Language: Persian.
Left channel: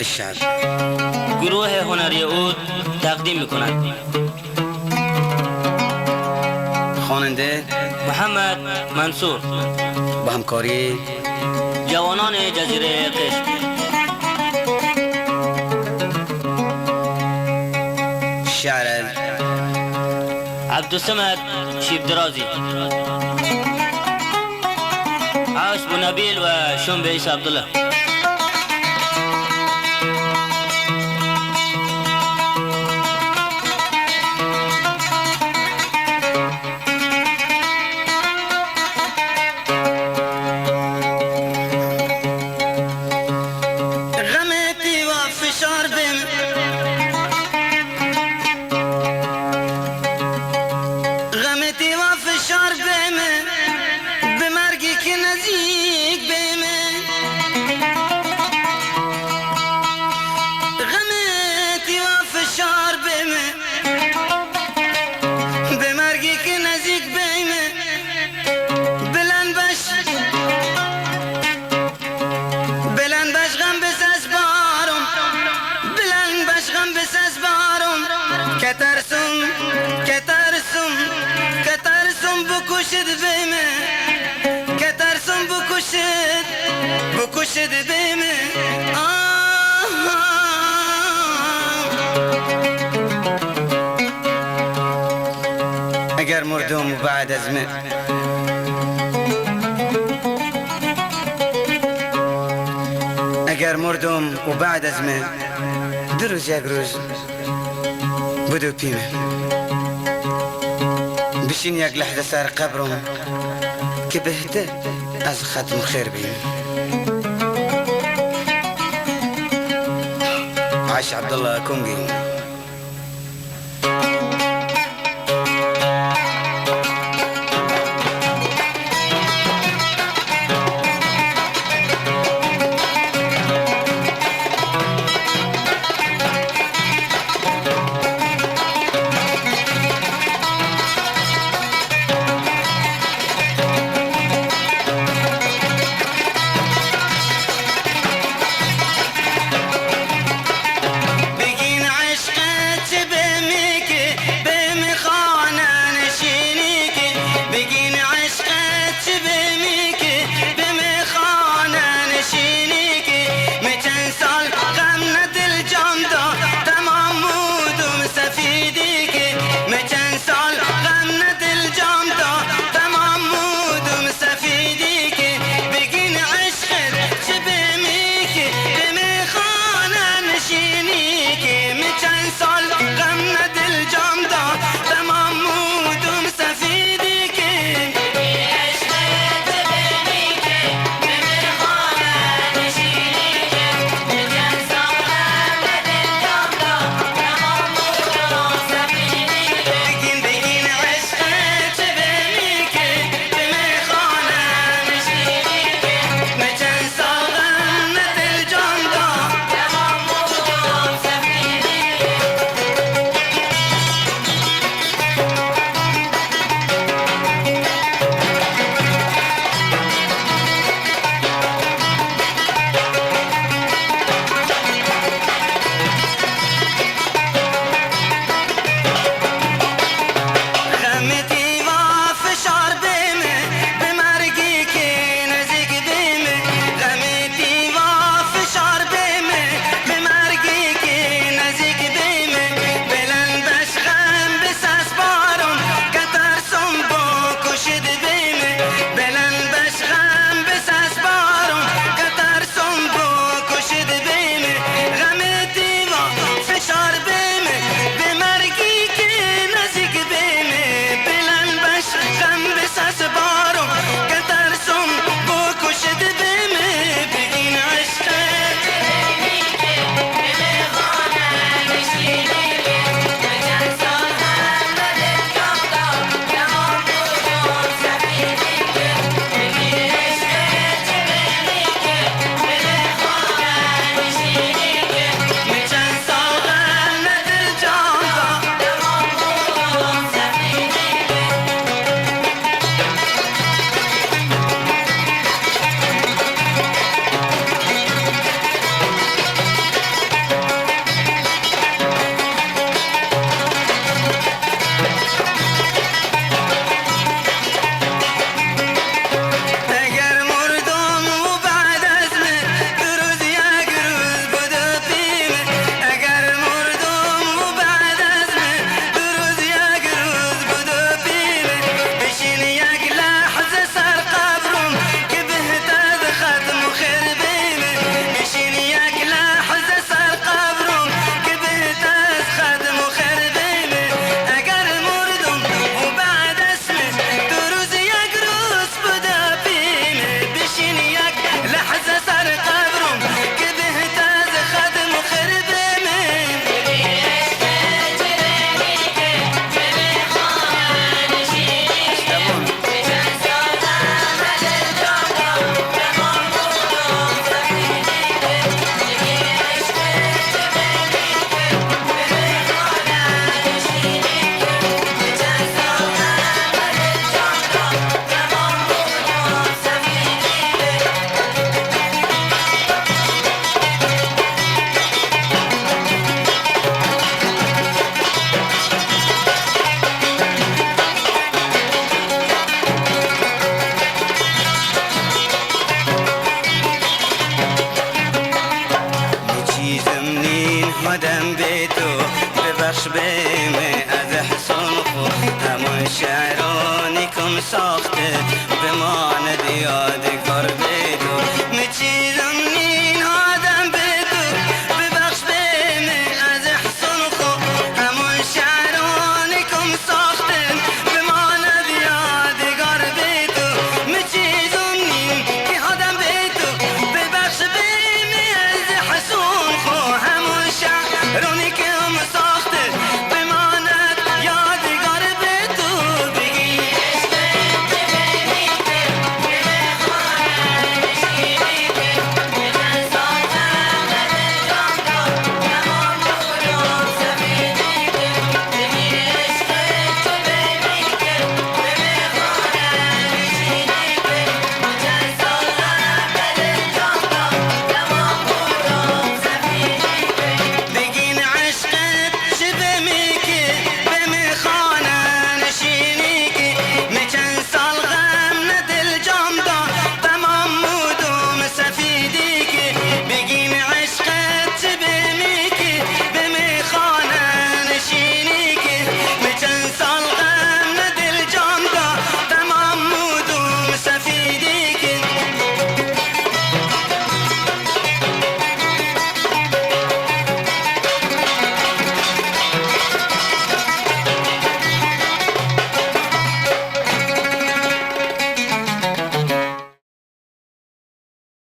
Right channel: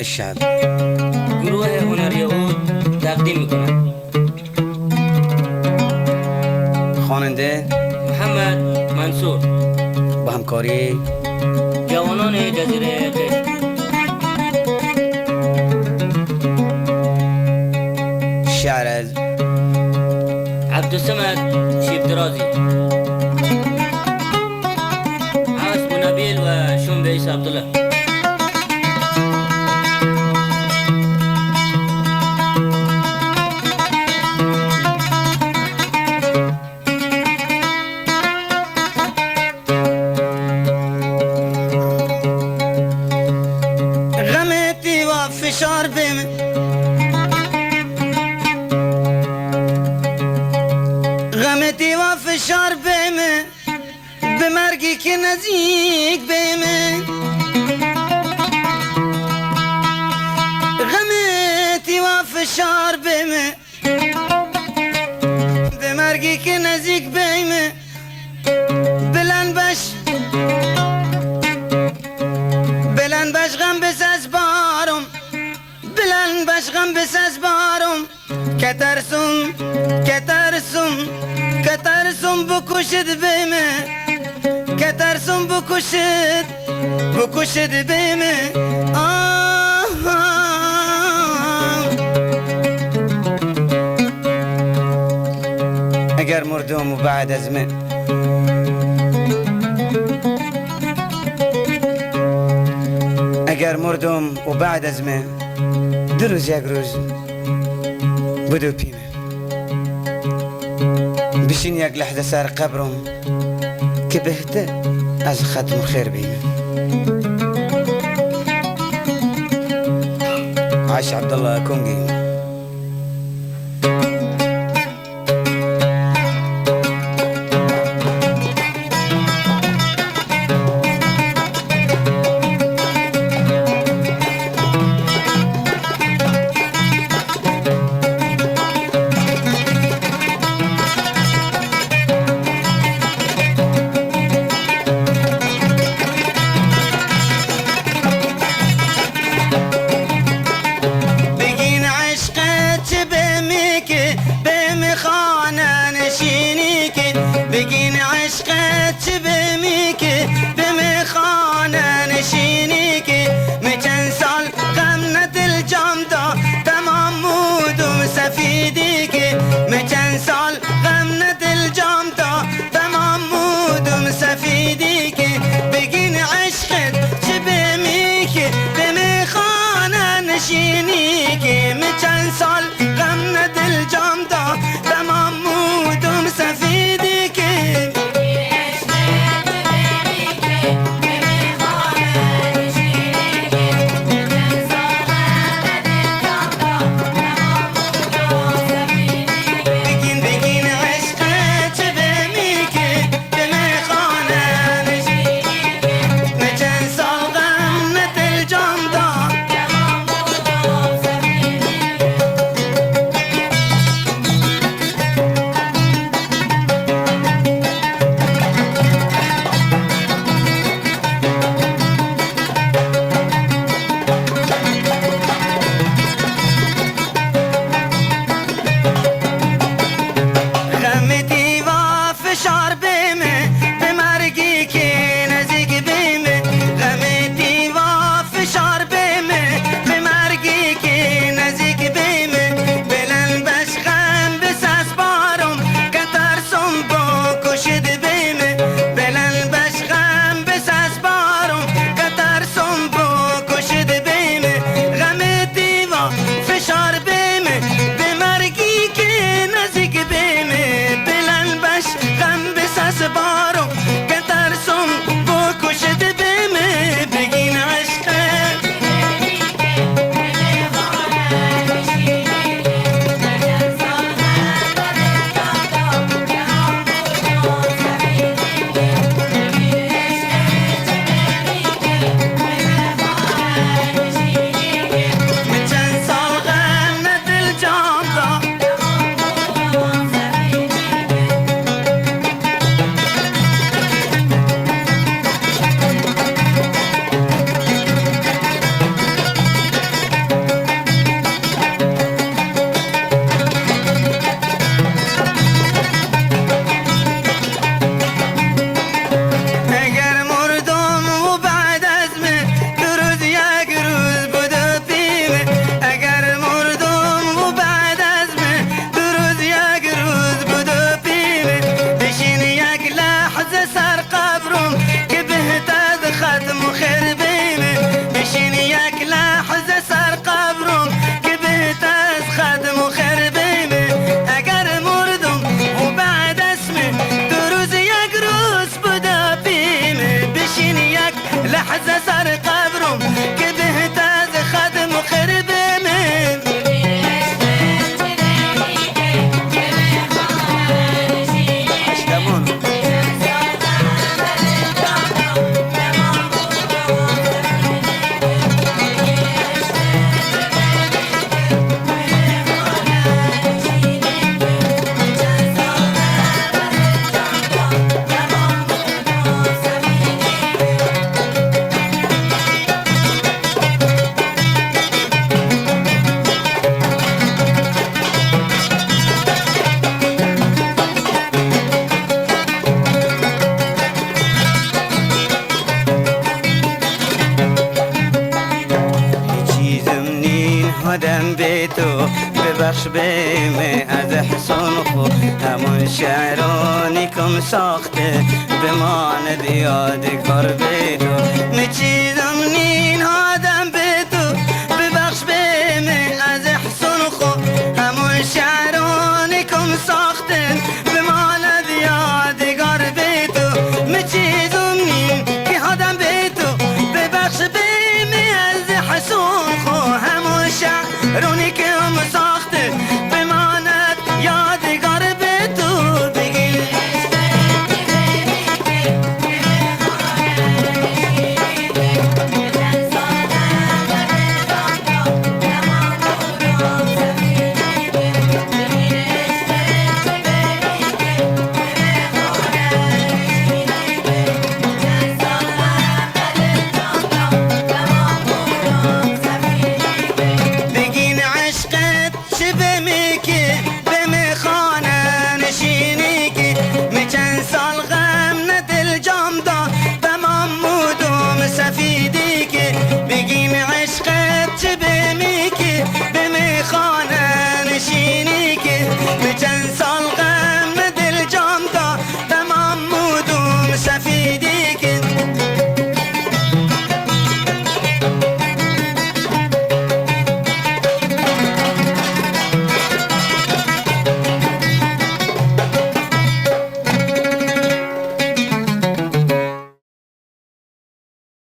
الشعر. گروه هنری عود تقدیم میکند. خواننده محمد منصور، با همکاری جوانان جزیره قشم. شعر عبدالصمد شیب درازی، عاش بونبیل و شنبه عیسی عبدالله. غمتي وفشار بين غمتي وفشار بين بمرقي كنزيك بين غمتي وفشار بين بمرقي كنزيك بين بلن بش بلن بش غم بساز بارم بلن بش غم بساز بارم كترسم كترسم كترسم بكشد بيمه كترسم بكشد بكشد بيمه اگر مردم بعد از من اگر مردم و بعد از من دو روز یک روز بدو پیمه بشین یک لحظه سر قبرم که بهتر از ختم خیر بیم. عاش عبدالله